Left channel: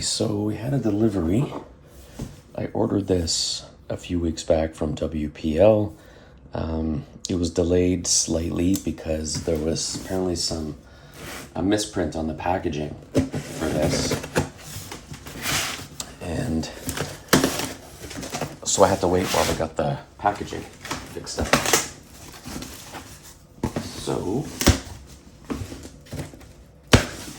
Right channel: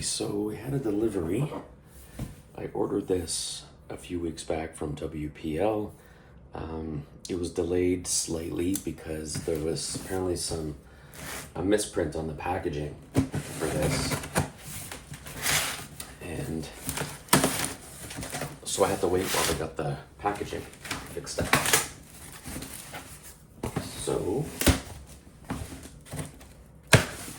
Okay, so we had a delivery. I ordered this a few weeks back from WPL. It was delayed slightly because there was apparently a misprint on the packaging for this. And so I had to wait while I got the packaging fixed up. So,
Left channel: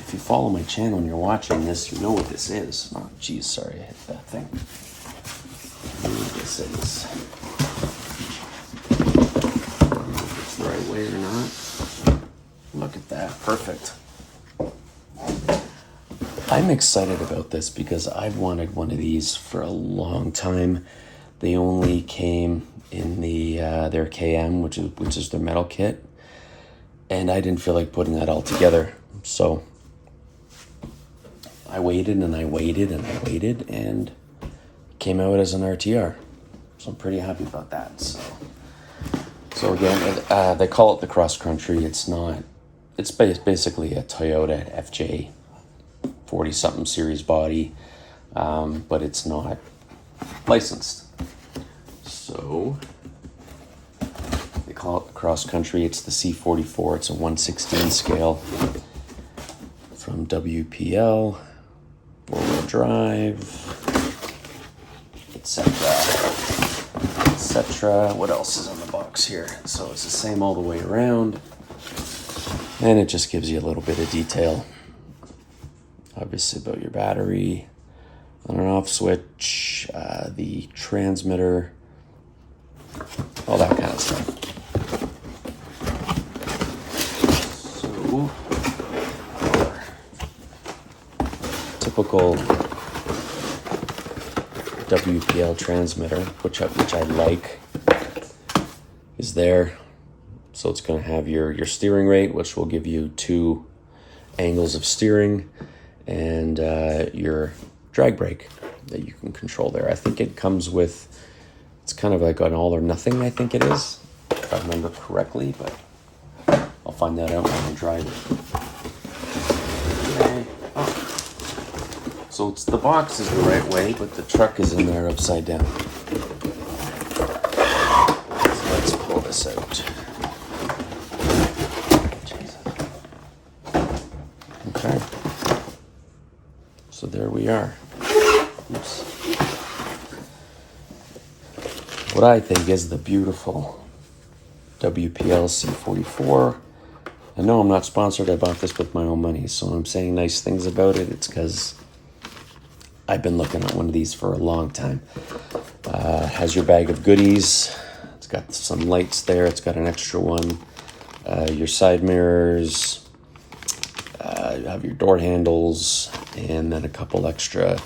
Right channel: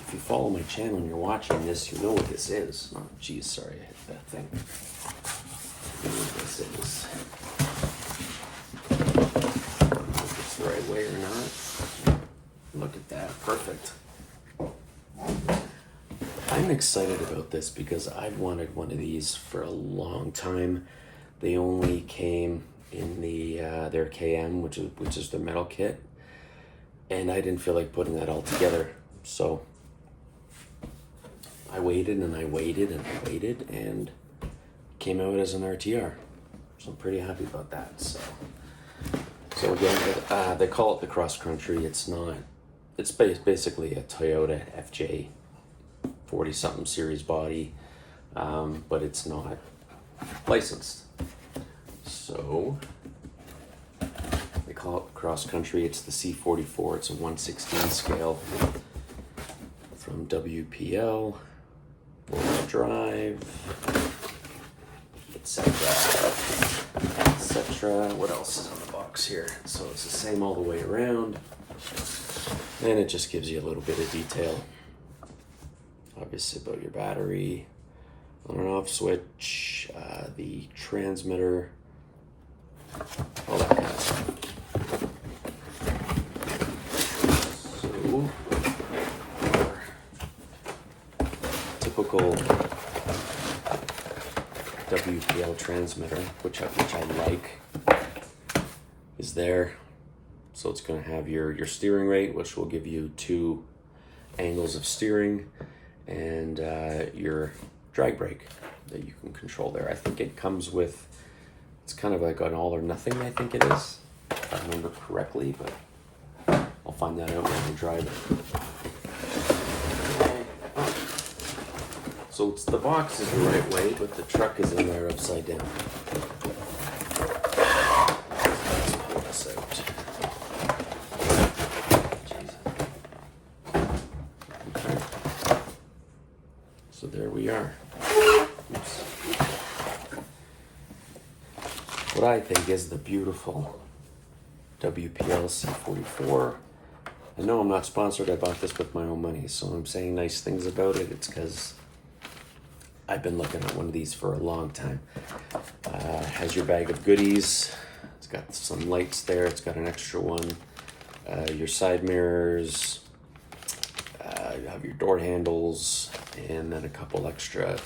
if you follow my channel and you're watching this, you know what this is. Oh, geez, sorry, I hit that thing. You know what this is. I don't know if it's the right way or not. Look at that, perfect. I'm excited about this because I've wanted one of these for a long time. They only came in their KM, which is their metal kit, and I didn't feel like putting that all together. So I waited and I waited and I waited, and it came out as an RTR. So I'm pretty happy about that. So again, they call it the cross country. It's not. It's basically a Toyota FJ 40-something series body, but it's not licensed. So they call it cross country. It's the C44. It's a 1/16 scale from WPL, four-wheel drive, etc. etc. What else is on the box here? So it's the same all the way around, and it just gives you a little bit of detail. Obviously about your battery, on and off switch, the transmitter, all that kind of stuff. So, typical WPL transmitter, which I like, is there. So it's going to have your steering rate, which will give you 2 angles of steering, and your drag brake that you can control there. I think it comes with, it's kind of like an all or nothing, I think it is, if I remember correctly, but I'll find that out when I drive it. Okay. Oh. So it's, the box is the right way, but the truck is in there upside down. So let's pull this out. Okay. So there we are. Oops. What I think is the beautiful WPL C44. I know I'm not sponsored. I bought this with my own money, so I'm saying nice things about it. It's because I've been looking at one of these for a long time. Has your bag of goodies. It's got some lights there. It's got an extra one. Your side mirrors. You have your door handles, and then a couple extra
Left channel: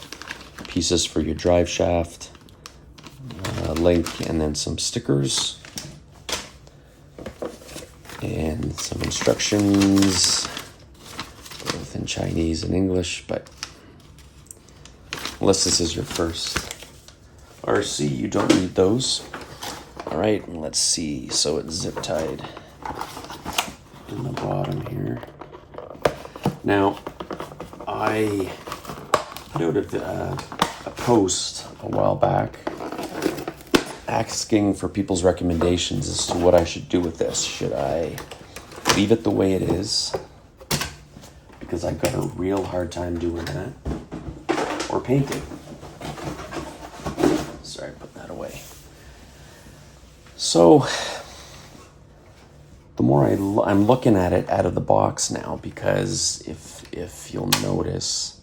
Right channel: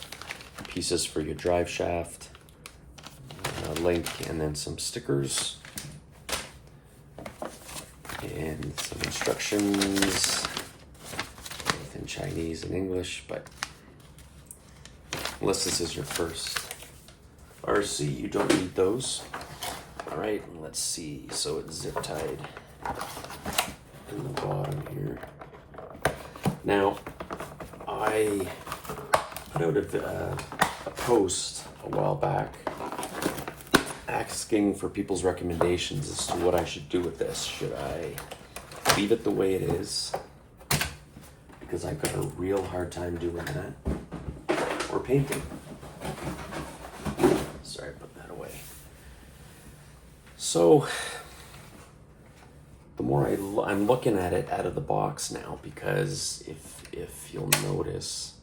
pieces for your drive shaft, link, and then some stickers, and some instructions, both in Chinese and English, but unless this is your first RC, you don't need those. All right, let's see. So it's zip tied on the bottom here. Now, I put out a post a while back asking for people's recommendations as to what I should do with this. Should I leave it the way it is, because I've got a real hard time doing that, or paint it? Sorry, put that away. So the more I'm looking at it out of the box now, because if you'll notice,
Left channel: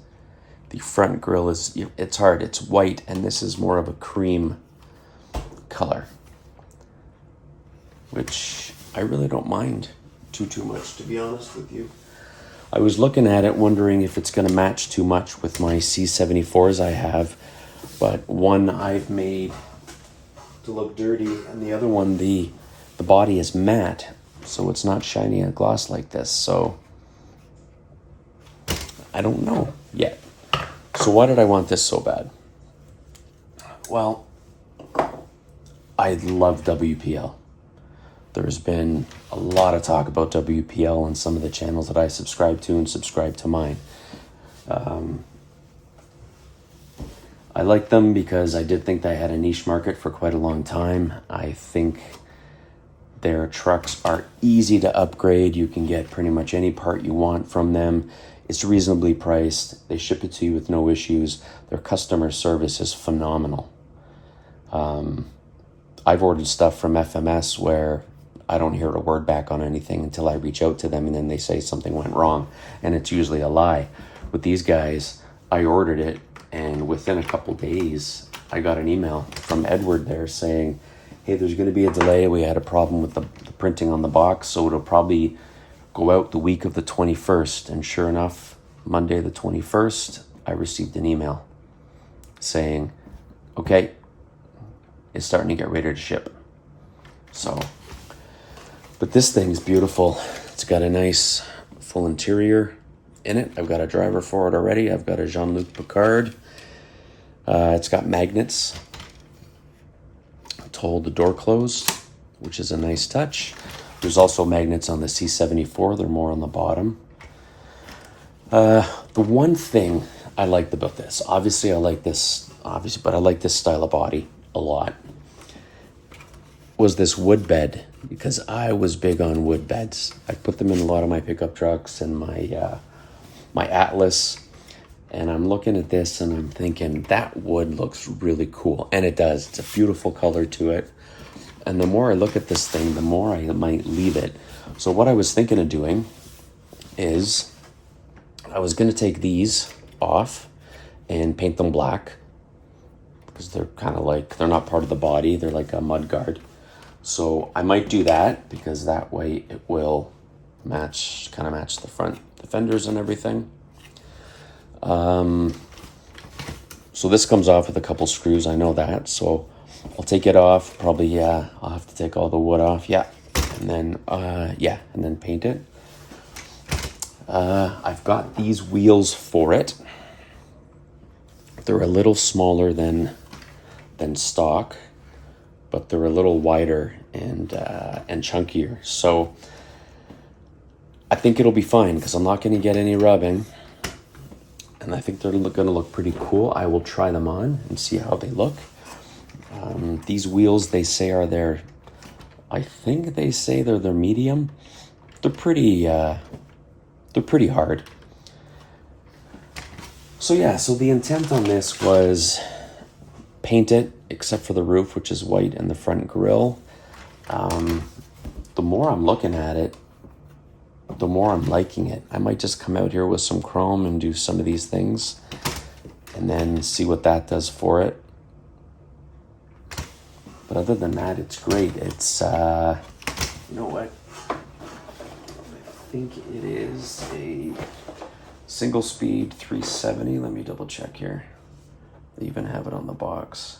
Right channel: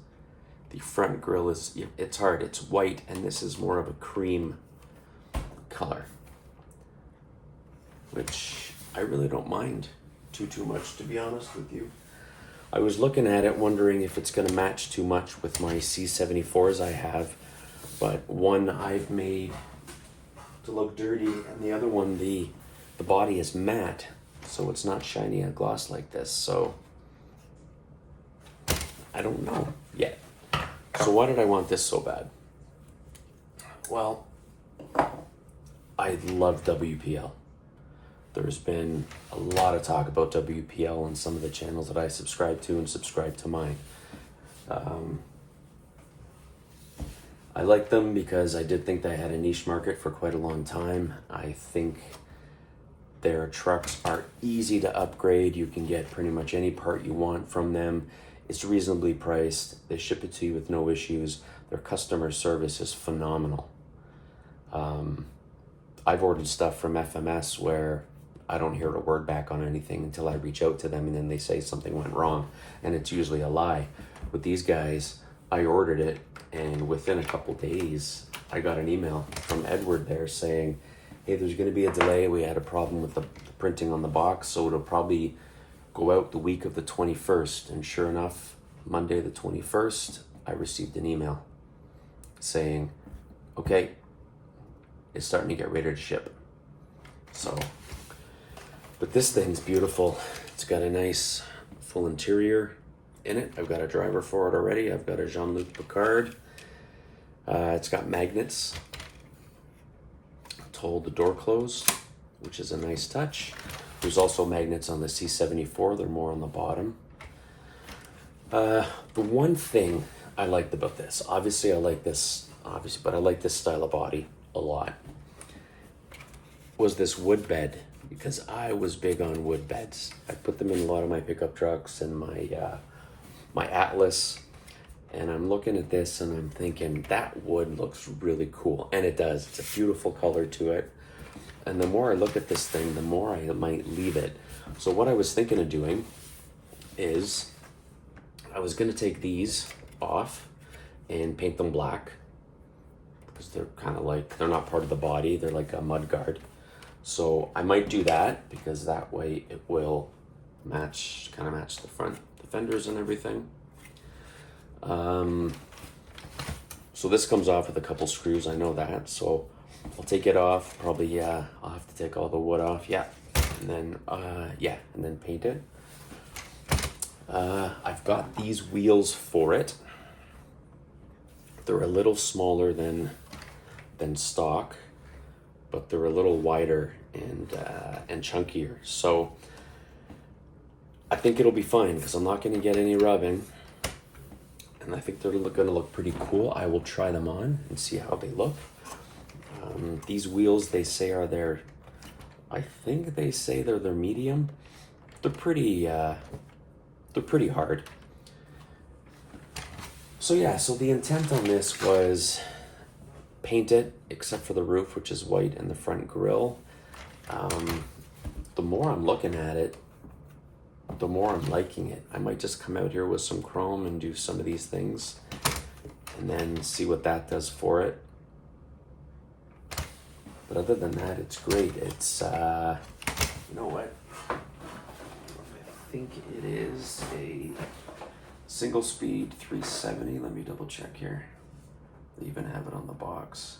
the front grille it's hard. It's white, and this is more of a cream color, which I really don't mind too much, to be honest with you. I was looking at it wondering if it's going to match too much with my C74s I have, but one I've made to look dirty, and the other one, the body is matte, so it's not shiny and gloss like this. So I don't know yet. So why did I want this so bad? Well, I love WPL. There's been a lot of talk about WPL on some of the channels that I subscribe to and subscribe to mine. I like them because I did think they had a niche market for quite a long time. I think their trucks are easy to upgrade. You can get pretty much any part you want from them. It's reasonably priced. They ship it to you with no issues. Their customer service is phenomenal. I've ordered stuff from FMS where I don't hear a word back on anything until I reach out to them, and then they say something went wrong, and it's usually a lie. With these guys, I ordered it, and within a couple days, I got an email from Edward there saying, hey, there's going to be a delay. We had a problem with the printing on the box, so it'll probably go out the week of the 21st. And sure enough, Monday the 21st, I received an email saying, okay, it's starting to get ready to ship. So, but this thing's beautiful. It's got a nice full interior in it. I've got a driver for it already. I've got a Jean-Luc Picard. It's got magnets to hold the door closed, which is a nice touch. There's also magnets on the C44. They're more on the bottom. The one thing I liked about this, obviously I like this style of body a lot, was this wood bed, because I was big on wood beds. I put them in a lot of my pickup trucks and my Atlas, and I'm looking at this and I'm thinking that wood looks really cool, and it does. It's a beautiful color to it, and the more I look at this thing, the more I might leave it. So what I was thinking of doing is I was going to take these off and paint them black, because they're kind of like, they're not part of the body, they're like a mud guard. So I might do that, because that way it will match the front, the fenders and everything. So this comes off with a couple screws, I know that, so I'll take it off, probably, yeah, I'll have to take all the wood off, yeah, and then, and then paint it. I've got these wheels for it. They're a little smaller than stock, but they're a little wider and chunkier. So I think it'll be fine, because I'm not going to get any rubbing, and I think they're going to look pretty cool. I will try them on and see how they look. These wheels, they say are their, I think they say they're their medium. They're pretty hard. So yeah, so the intent on this was paint it, except for the roof, which is white, and the front grille. The more I'm looking at it, the more I'm liking it. I might just come out here with some chrome and do some of these things, and then see what that does for it. But other than that, it's great. It's, you know what? I think it is a single speed 370. Let me double check here. They even have it on the box,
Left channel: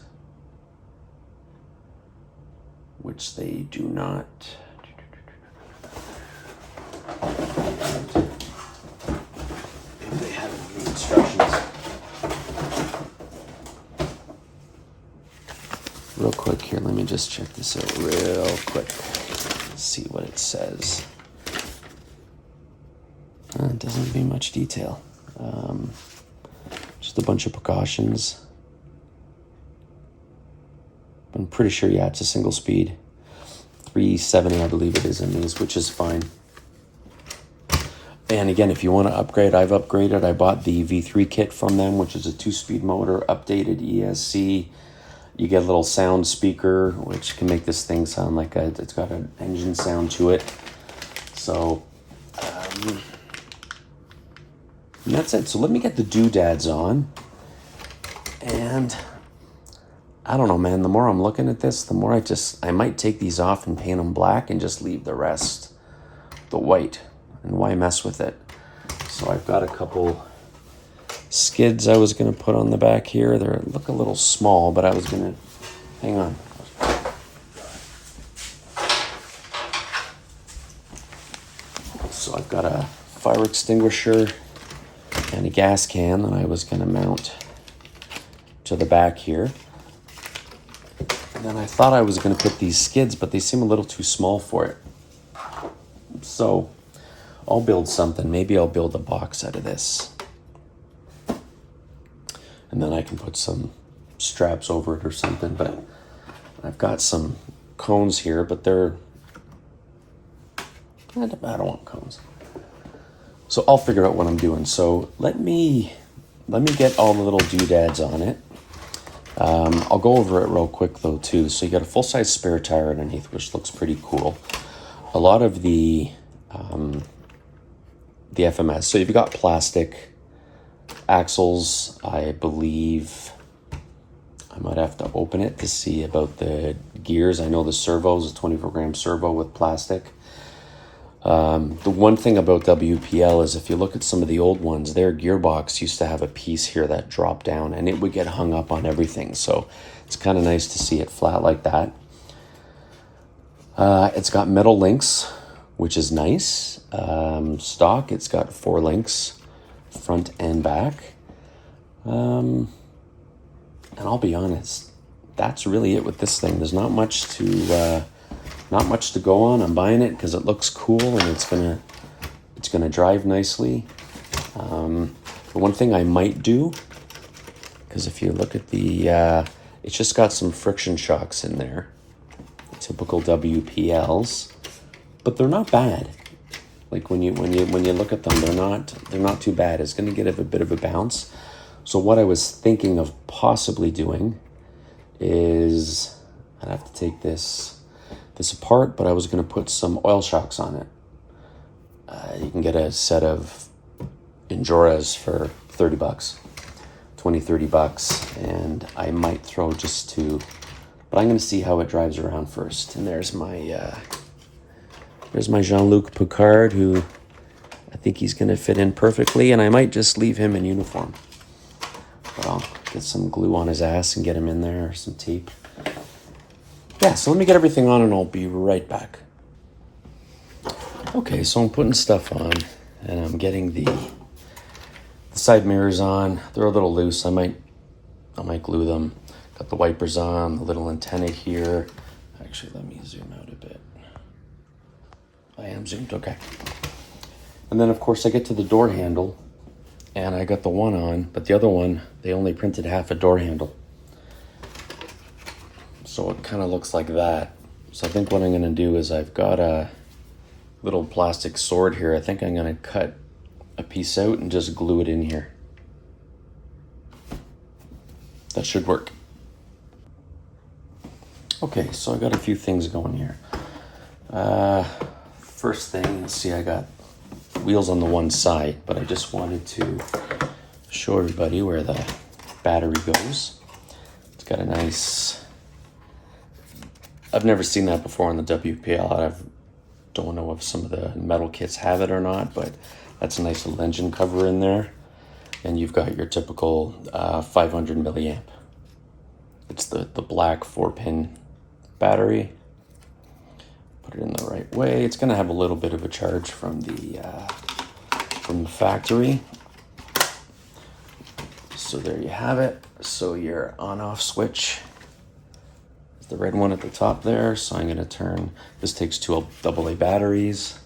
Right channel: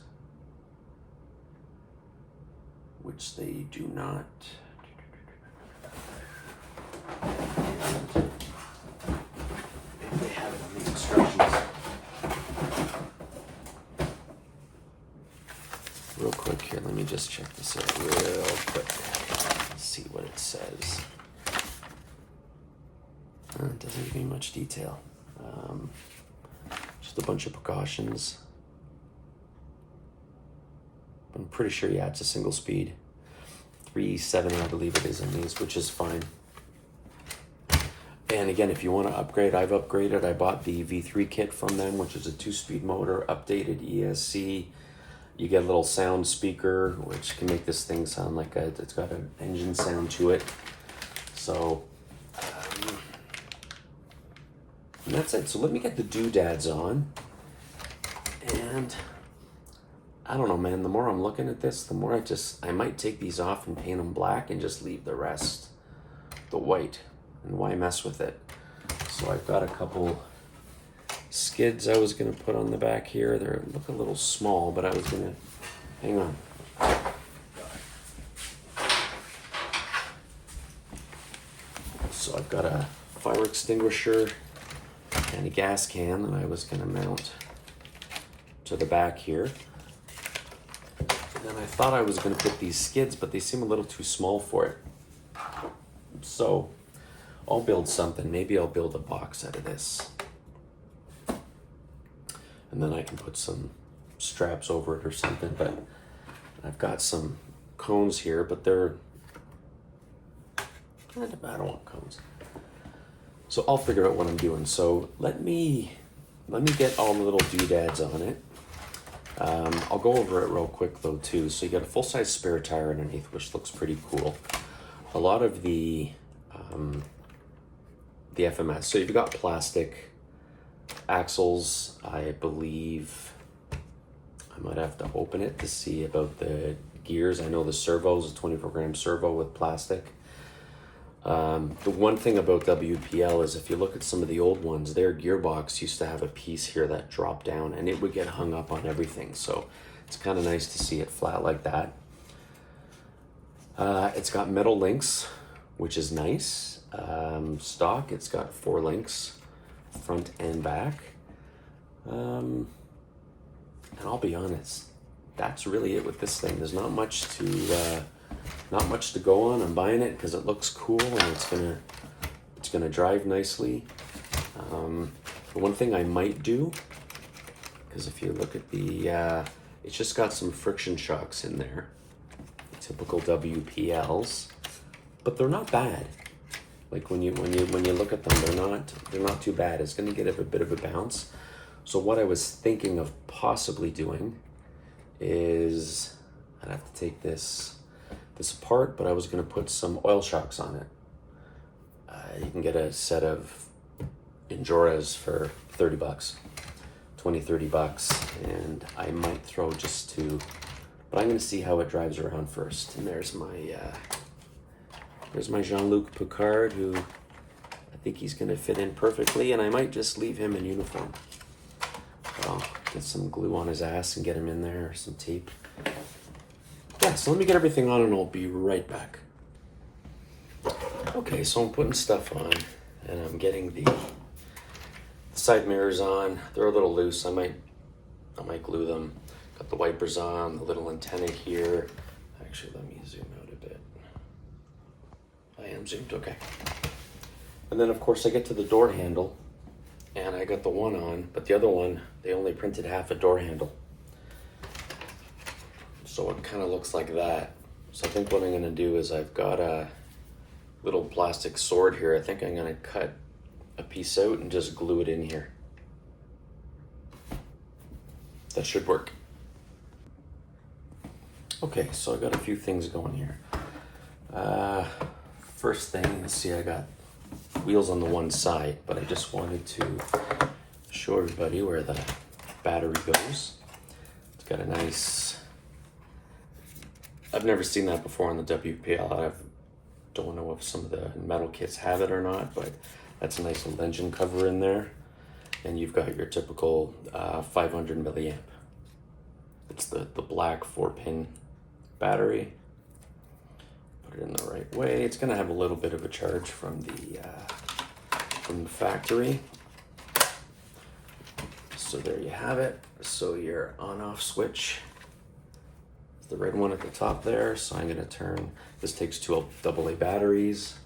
which they do not. And they have it on the instructions. Real quick here, let me just check this out real quick. See what it says. It doesn't give me much detail. Just a bunch of precautions. I'm pretty sure, yeah, it's a single speed 370, I believe it is in these, which is fine. And again, if you want to upgrade, I've upgraded. I bought the V3 kit from them, which is a 2-speed motor, updated ESC. You get a little sound speaker, which can make this thing sound like it's got an engine sound to it. So, and that's it. So let me get the doodads on. And I don't know, man, the more I'm looking at this, the more I might take these off and paint them black and just leave the rest the white. And why mess with it? So I've got a couple skids I was going to put on the back here. They look a little small, but I was going to, hang on. So I've got a fire extinguisher and a gas can that I was going to mount to the back here. And then I thought I was going to put these skids, but they seem a little too small for it. So I'll build something. Maybe I'll build a box out of this. And then I can put some straps over it or something, but I've got some cones here, but they're, I don't want cones. So I'll figure out what I'm doing. So let me get all the little doodads on it. I'll go over it real quick though too. So you got a full-size spare tire underneath, which looks pretty cool. A lot of the FMS. So you've got plastic axles. I believe I might have to open it to see about the gears. I know the servo is a 24-gram servo with plastic. The one thing about WPL is if you look at some of the old ones, their gearbox used to have a piece here that dropped down and it would get hung up on everything. So it's kind of nice to see it flat like that. It's got metal links, which is nice. Stock, it's got 4 links, front and back. And I'll be honest, that's really it with this thing. There's not much to go on. I'm buying it because it looks cool and it's gonna drive nicely. The one thing I might do, because if you look at the, it's just got some friction shocks in there, typical WPLs, but they're not bad. Like when you look at them, they're not too bad. It's gonna get a bit of a bounce. So what I was thinking of possibly doing is I'd have to take this apart, but I was going to put some oil shocks on it. You can get a set of Injoras for $30, $20-$30, and I might throw just 2, but I'm going to see how it drives around first. And there's my Jean-Luc Picard, who I think he's going to fit in perfectly, and I might just leave him in uniform. Well, get some glue on his ass and get him in there, or some tape. Yeah, so let me get everything on and I'll be right back. Okay, so I'm putting stuff on and I'm getting the side mirrors on. They're a little loose. I might glue them. Got the wipers on, the little antenna here. Actually, let me zoom out a bit. I am zoomed, okay. And then of course I get to the door handle and I got the one on, but the other one, they only printed half a door handle. So it kind of looks like that. So I think what I'm going to do is I've got a little plastic sword here. I think I'm going to cut a piece out and just glue it in here. That should work. Okay, so I got a few things going here. First thing, let's see, I got wheels on the one side, but I just wanted to show everybody where the battery goes. It's got a nice... I've never seen that before on the WPL. I don't know if some of the metal kits have it or not, but that's a nice little engine cover in there. And you've got your typical 500 milliamp. It's the black 4-pin battery. Put it in the right way. It's gonna have a little bit of a charge from the factory. So there you have it. So your on-off switch, the red one at the top there. So I'm gonna turn, this takes 2 AA batteries.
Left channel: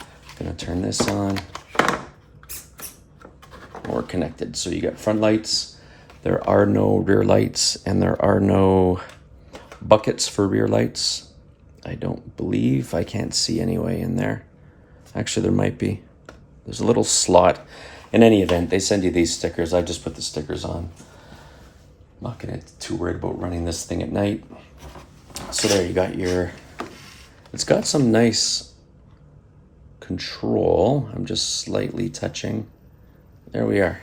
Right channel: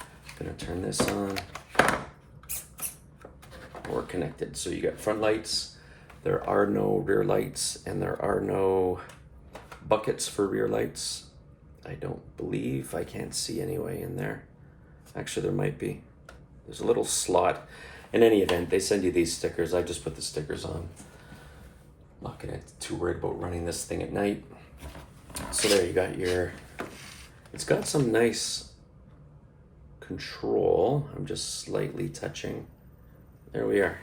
I'm gonna turn this on. Or connected. So you got front lights. There are no rear lights and there are no buckets for rear lights. I don't believe, I can't see anyway in there. Actually, there might be. There's a little slot. In any event, they send you these stickers. I just put the stickers on. I'm not gonna get too worried about running this thing at night. So there you got your, it's got some nice control. I'm just slightly touching. There we are.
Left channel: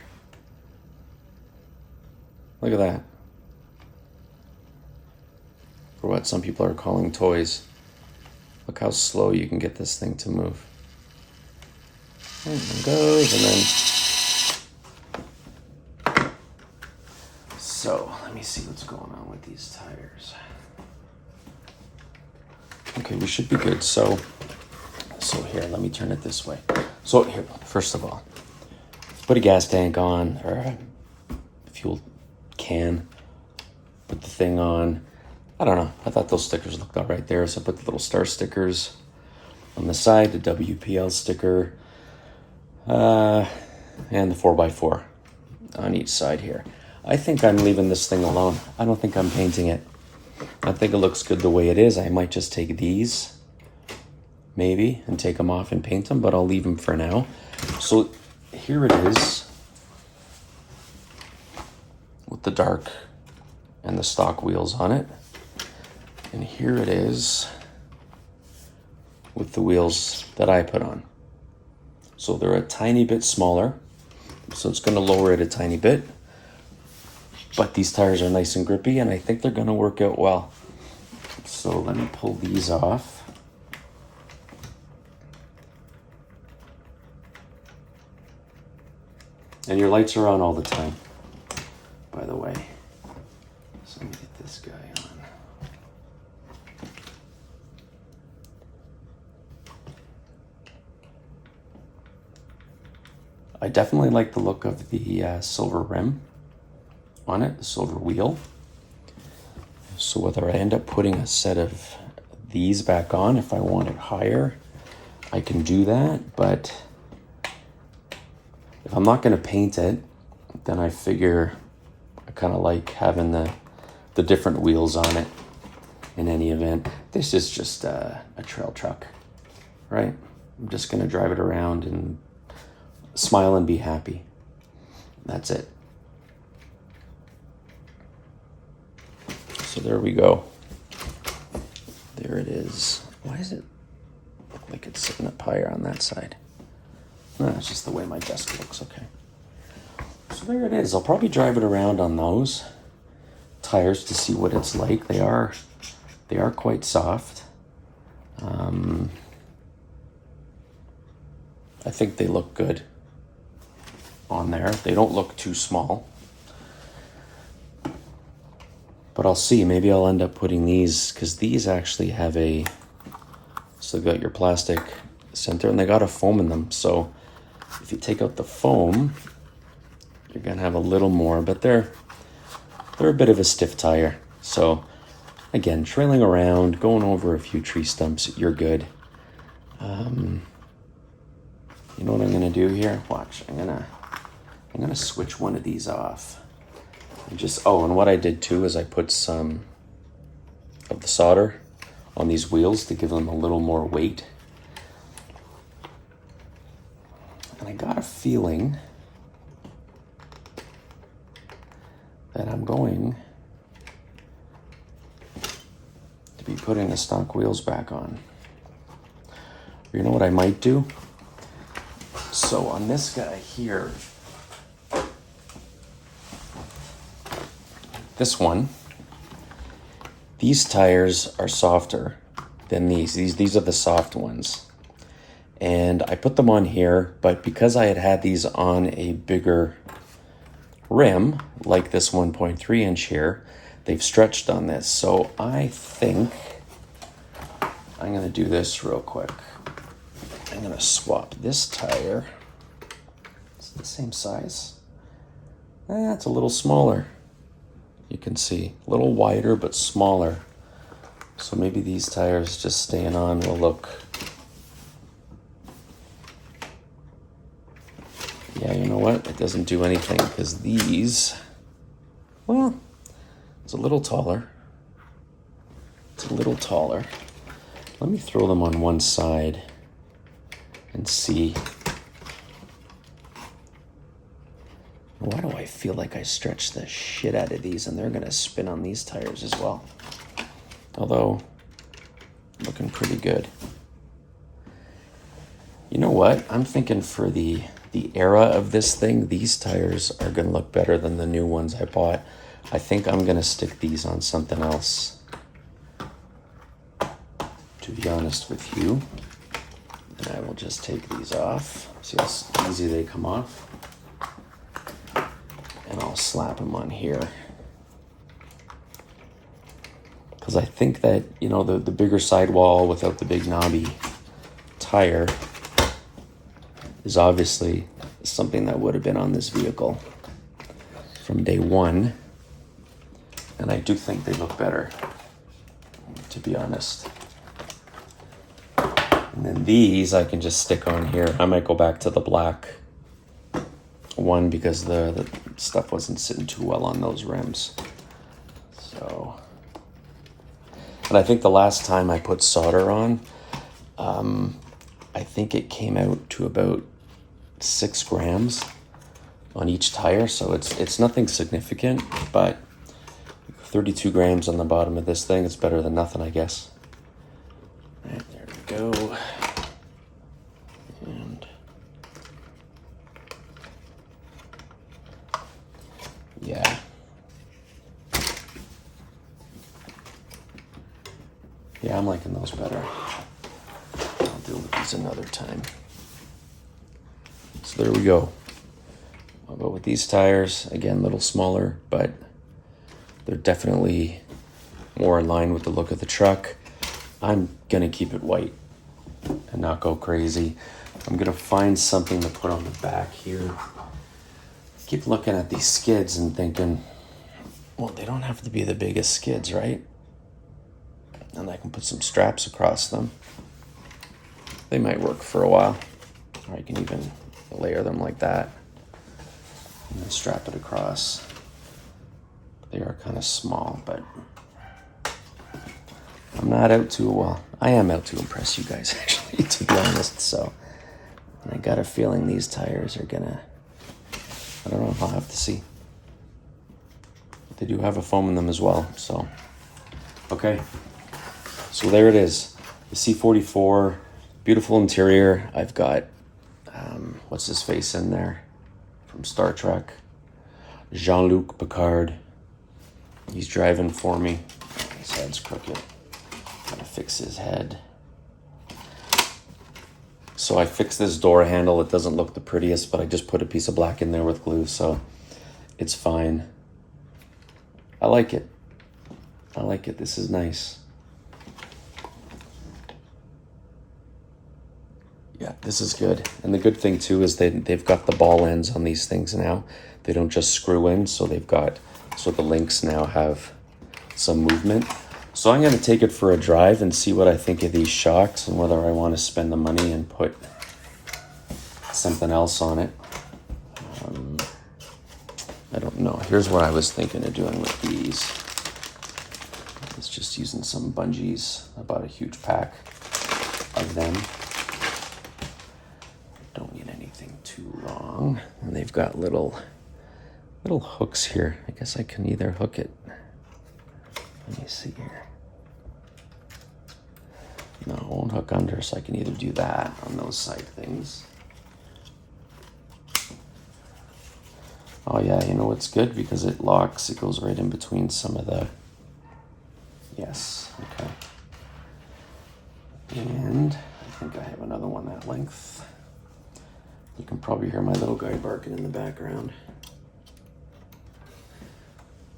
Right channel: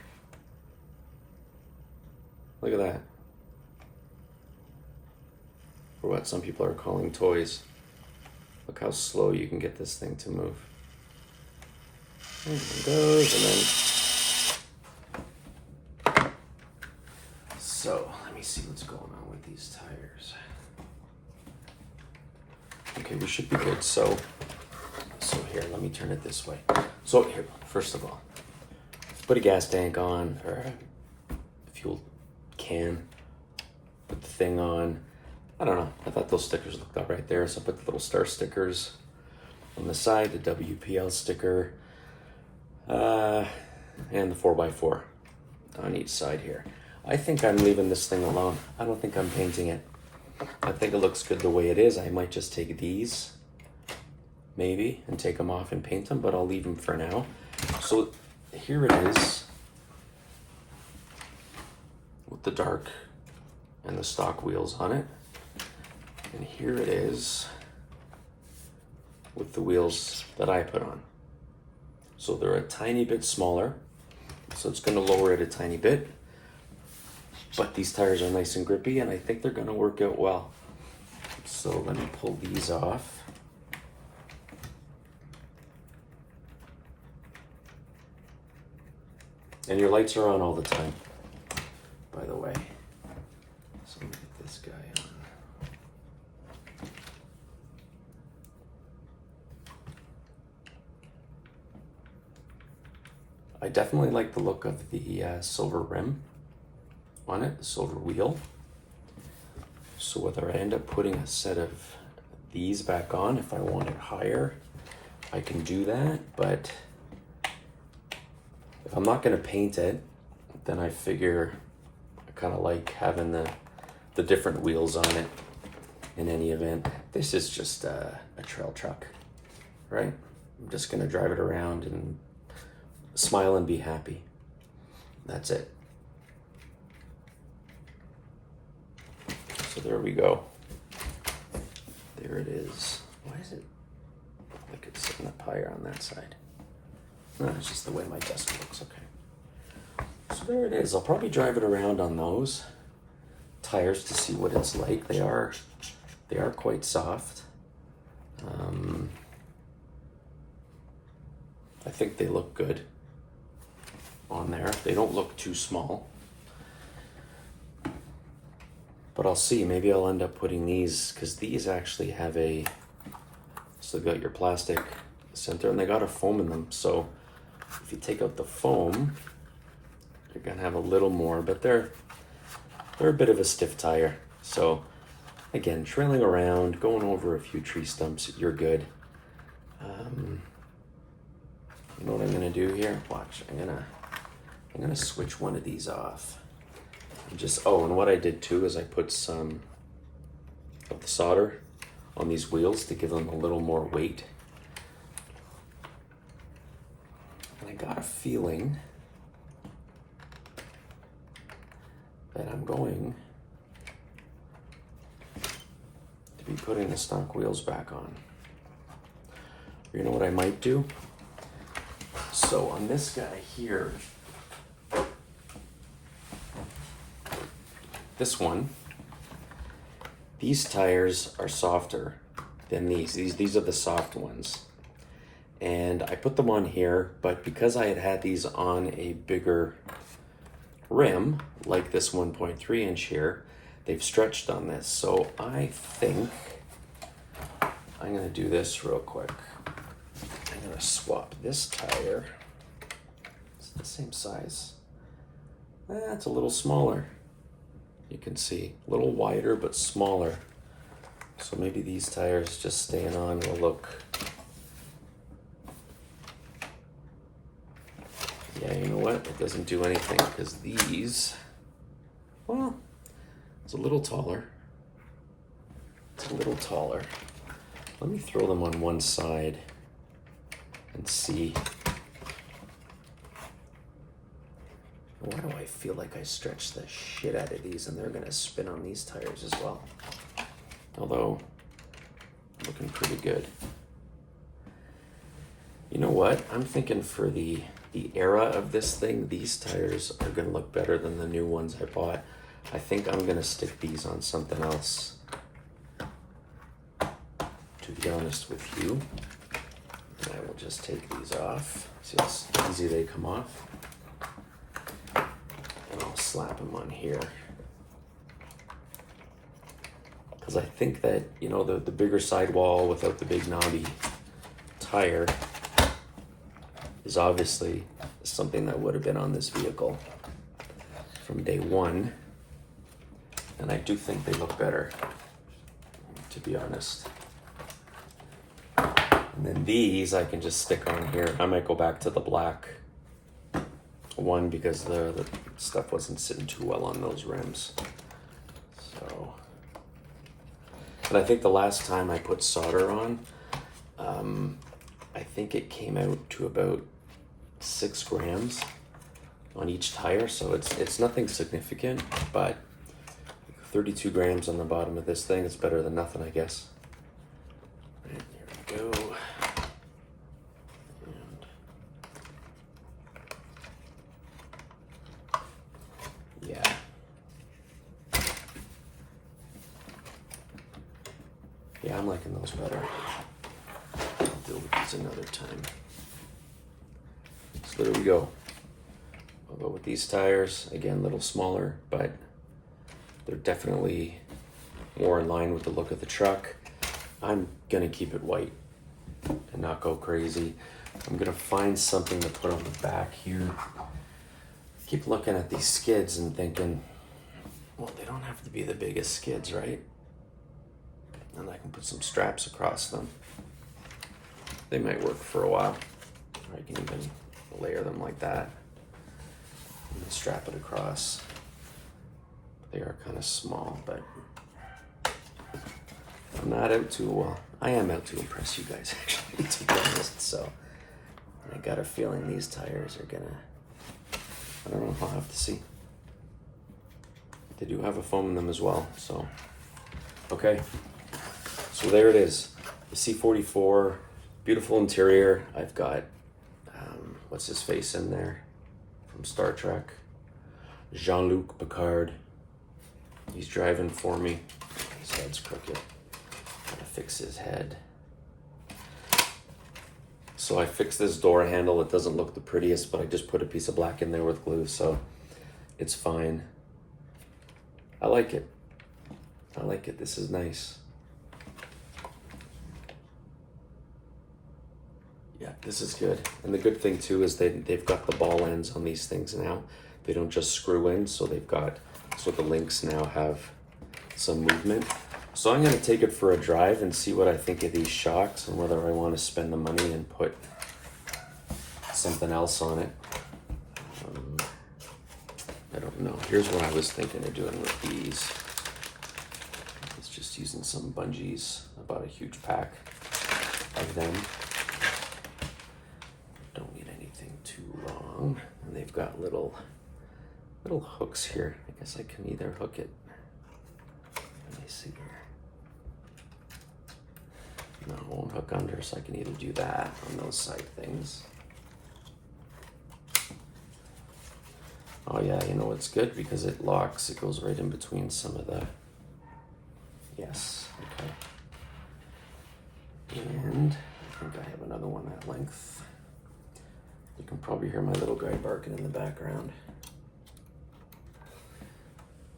Look at that. For what some people are calling toys. Look how slow you can get this thing to move. And it goes, and then... So, let me see what's going on with these tires. Okay, we should be good. So here, let me turn it this way. So here, first of all, put a gas tank on, or a fuel can, put the thing on. I don't know, I thought those stickers looked all right there, so I put the little star stickers on the side, the WPL sticker, and the 4x4 on each side here. I think I'm leaving this thing alone. I don't think I'm painting it. I think it looks good the way it is. I might just take these, maybe, and take them off and paint them, but I'll leave them for now. So here it is with the dark and the stock wheels on it. And here it is with the wheels that I put on. So they're a tiny bit smaller, so it's going to lower it a tiny bit. But these tires are nice and grippy, and I think they're going to work out well. So let me pull these off. And your lights are on all the time, by the way. So let me get this guy on. I definitely like the look of the silver rim on it, the silver wheel. So whether I end up putting a set of these back on, if I want it higher, I can do that. But if I'm not going to paint it, then I figure I kind of like having the different wheels on it in any event. This is just a trail truck, right? I'm just going to drive it around and smile and be happy. That's it. So there we go. There it is. Why is it like it's sitting up higher on that side? No, it's just the way my desk looks. Okay. So there it is. I'll probably drive it around on those tires to see what it's like. They are quite soft. I think they look good on there. They don't look too small. But I'll see. Maybe I'll end up putting these, because these actually have so they've got your plastic center and they got a foam in them. So if you take out the foam, you're gonna have a little more, but they're a bit of a stiff tire. So again, trailing around, going over a few tree stumps, you're good. You know what I'm gonna do here? Watch. I'm gonna switch one of these off. And what I did too is I put some of the solder on these wheels to give them a little more weight. And I got a feeling that I'm going to be putting the stock wheels back on. You know what I might do? So on this guy here, this one, these tires are softer than these. These are the soft ones. And I put them on here, but because I had these on a bigger rim, like this 1.3 inch here, they've stretched on this. So I think I'm gonna do this real quick. I'm gonna swap this tire. It's the same size. It's a little smaller. You can see a little wider but smaller. So maybe these tires just staying on will look. Yeah, you know what? It doesn't do anything because these, well, it's a little taller. It's a little taller. Let me throw them on one side and see. Why do I feel like I stretched the shit out of these and they're gonna spin on these tires as well? Although, looking pretty good. You know what? I'm thinking for the era of this thing, these tires are gonna look better than the new ones I bought. I think I'm gonna stick these on something else, to be honest with you. And I will just take these off. See how easy they come off? And I'll slap them on here. Because I think that, you know, the bigger sidewall without the big knobby tire is obviously something that would have been on this vehicle from day one. And I do think they look better, to be honest. And then these I can just stick on here. I might go back to the black one because the stuff wasn't sitting too well on those rims. So, and I think the last time I put solder on, I think it came out to about 6 grams on each tire, so it's nothing significant, but 32 grams on the bottom of this thing is better than nothing, I guess. Right, there we go. And yeah. Yeah, I'm liking those better. I'll do these another time. So there we go. I'll go with these tires. Again, a little smaller, but they're definitely more in line with the look of the truck. I'm gonna keep it white and not go crazy. I'm gonna find something to put on the back here. Keep looking at these skids and thinking, well, they don't have to be the biggest skids, right? And I can put some straps across them. They might work for a while. Or I can even layer them like that and then strap it across. They are kind of small, but I'm not out to, well, I am out to impress you guys, actually, to be honest. So I got a feeling these tires are gonna, I don't know if I'll have to see. They do have a foam in them as well, so. Okay, so there it is. The C44, beautiful interior. I've got, what's his face in there from Star Trek? Jean-Luc Picard. He's driving for me. His head's crooked. Gotta fix his head. So I fixed this door handle. It doesn't look the prettiest, but I just put a piece of black in there with glue, so it's fine. I like it. I like it. This is nice. Yeah, this is good. And the good thing too is they've got the ball ends on these things now. They don't just screw in, so the links now have some movement. So I'm gonna take it for a drive and see what I think of these shocks and whether I want to spend the money and put something else on it. I don't know. Here's what I was thinking of doing with these. It's just using some bungees. I bought a huge pack of them. Don't need anything too long. And they've got little hooks here. I guess I can either hook it. Let me see here. No, it won't hook under, so I can either do that on those side things. Oh yeah, you know what's good? Because it locks, it goes right in between some of the, yes, okay. And I think I have another one that length. You can probably hear my little guy barking in the background.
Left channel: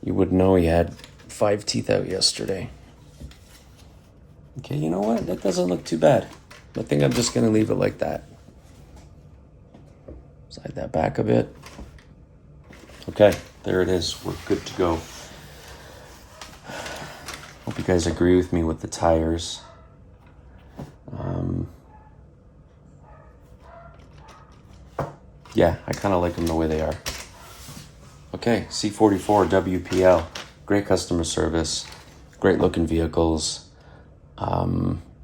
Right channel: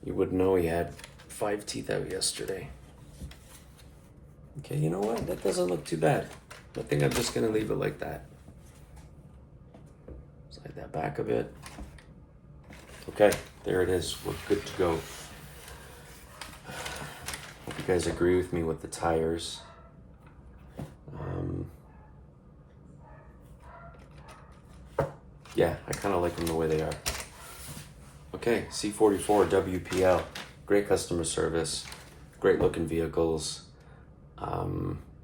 You wouldn't know he had 5 teeth out yesterday. Okay, you know what? That doesn't look too bad. I think I'm just gonna leave it like that. Slide that back a bit. Okay, there it is. We're good to go. Hope you guys agree with me with the tires. Yeah, I kind of like them the way they are. Okay, C44 WPL, great customer service, great looking vehicles.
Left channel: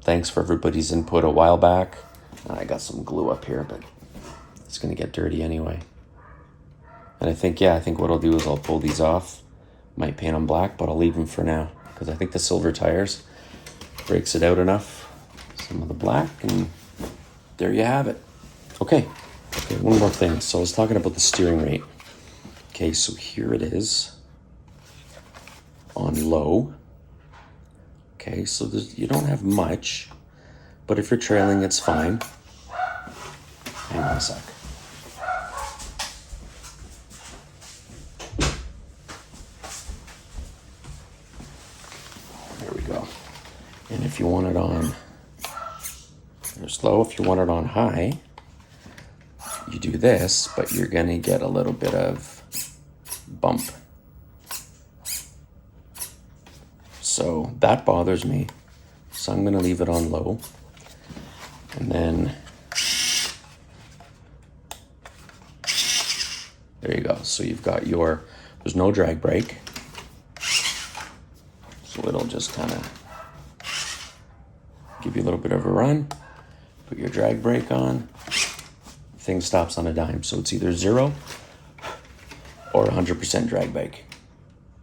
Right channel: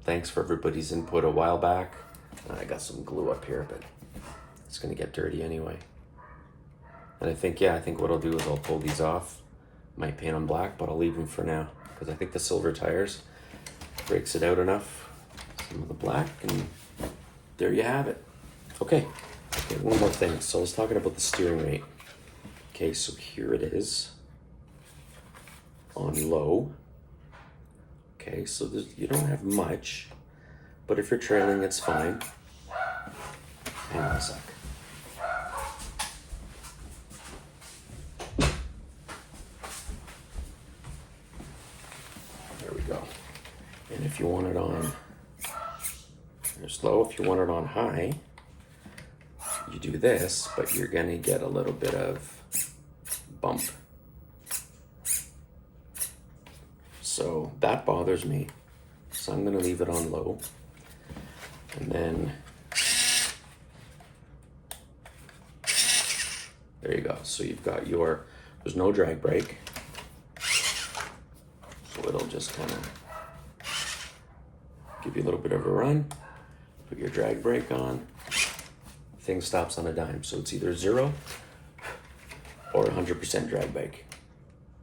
Thanks for everybody's input a while back. I got some glue up here, but it's gonna get dirty anyway. And I think what I'll do is I'll pull these off. Might paint them black, but I'll leave them for now because I think the silver tires breaks it out enough. Some of the black, and there you have it. Okay, one more thing. So I was talking about the steering rate. Okay, so here it is on low. Okay, so you don't have much, but if you're trailing, it's fine. Hang on a sec. There we go. And if you want it on low, if you want it on high, you do this, but you're gonna get a little bit of bump. So that bothers me. So I'm gonna leave it on low. And then There you go. So you've got your, there's no drag brake. So it'll just kind of give you a little bit of a run. Put your drag brake on. Thing stops on a dime. So it's either 0 or 100% drag brake.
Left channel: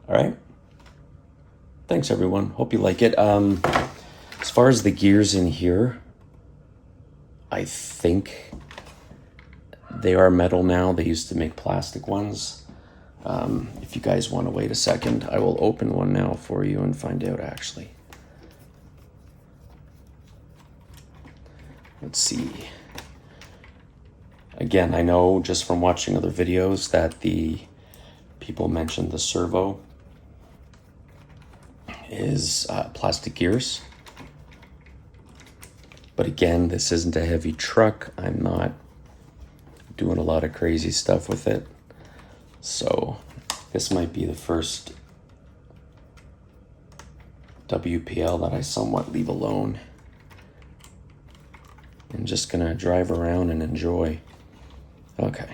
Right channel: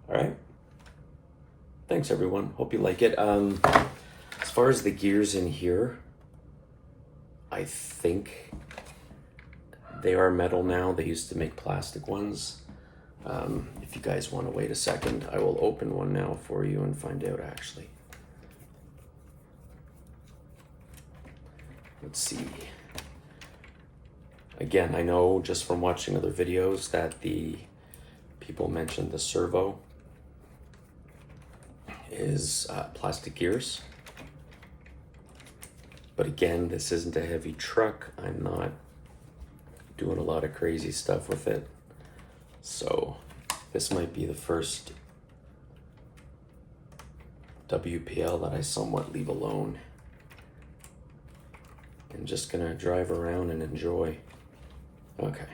All right. Thanks everyone. Hope you like it. As far as the gears in here, I think they are metal now. They used to make plastic ones. If you guys want to wait a second, I will open one now for you and find out actually. Let's see. Again, I know just from watching other videos that the people mentioned the servo is plastic gears. But again, this isn't a heavy truck. I'm not doing a lot of crazy stuff with it. So this might be the first WPL that I somewhat leave alone. I'm just gonna drive around and enjoy. Okay.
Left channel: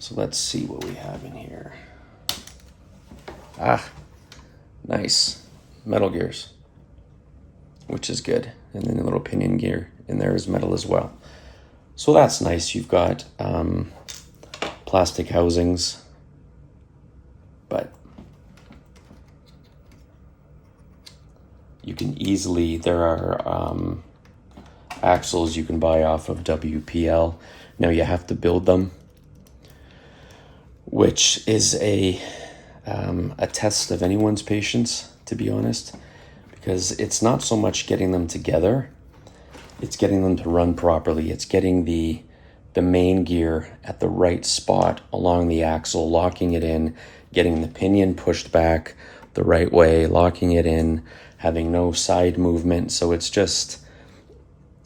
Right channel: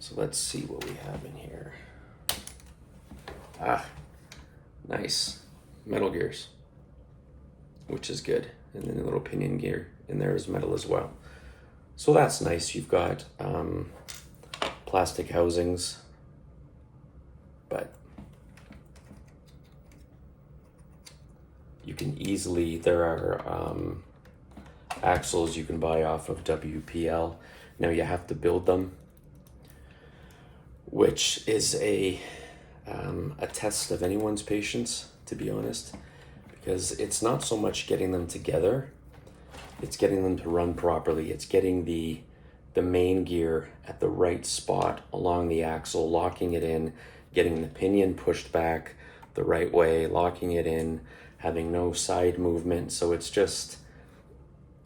So let's see what we have in here. Ah, nice. Metal gears, which is good. And then a little pinion gear in there is metal as well. So that's nice. You've got plastic housings, but you can easily, there are axles you can buy off of WPL. Now you have to build them, which is a test of anyone's patience, to be honest, because it's not so much getting them together, it's getting them to run properly. It's getting the main gear at the right spot along the axle, locking it in, getting the pinion pushed back the right way, locking it in, having no side movement. So it's just,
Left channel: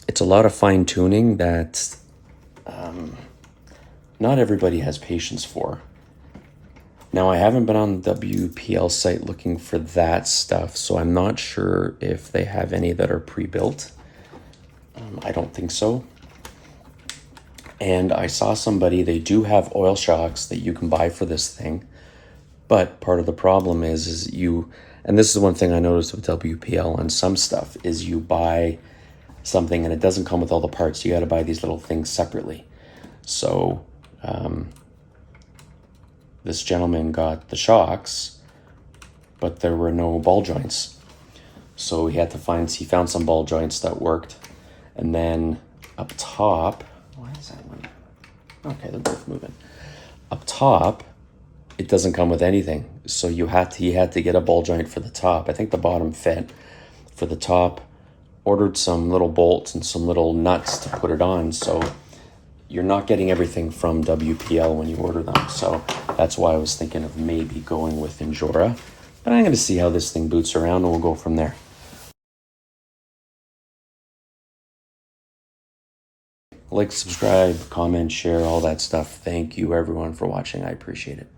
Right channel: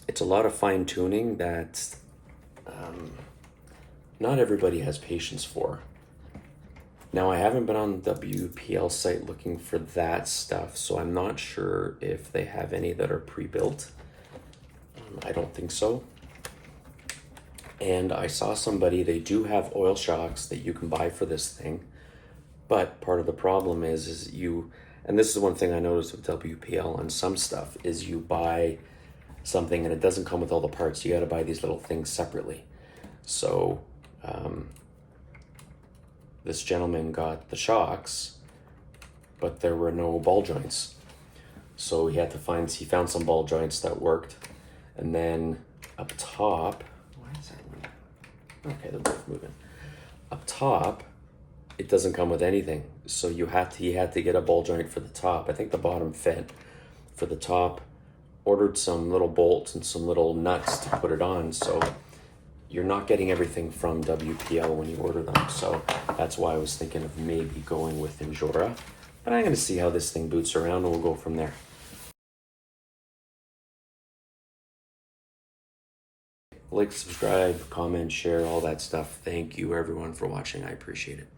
it's a lot of fine tuning that not everybody has patience for. Now, I haven't been on the WPL site looking for that stuff, so I'm not sure if they have any that are pre-built. I don't think so. And I saw somebody, they do have oil shocks that you can buy for this thing, but part of the problem is you, and this is one thing I noticed with WPL on some stuff, is you buy something and it doesn't come with all the parts. You got to buy these little things separately. So this gentleman got the shocks, but there were no ball joints. So he found some ball joints that worked. And then up top, why is that one? Okay, they're both moving. Up top, it doesn't come with anything. So he had to get a ball joint for the top. I think the bottom fit. For the top, ordered some little bolts and some little nuts to put it on. So you're not getting everything from WPL when you order them. So that's why I was thinking of maybe going with Injora. But I'm gonna see how this thing boots around and we'll go from there. Like, subscribe, comment, share, all that stuff. Thank you everyone for watching. I appreciate it.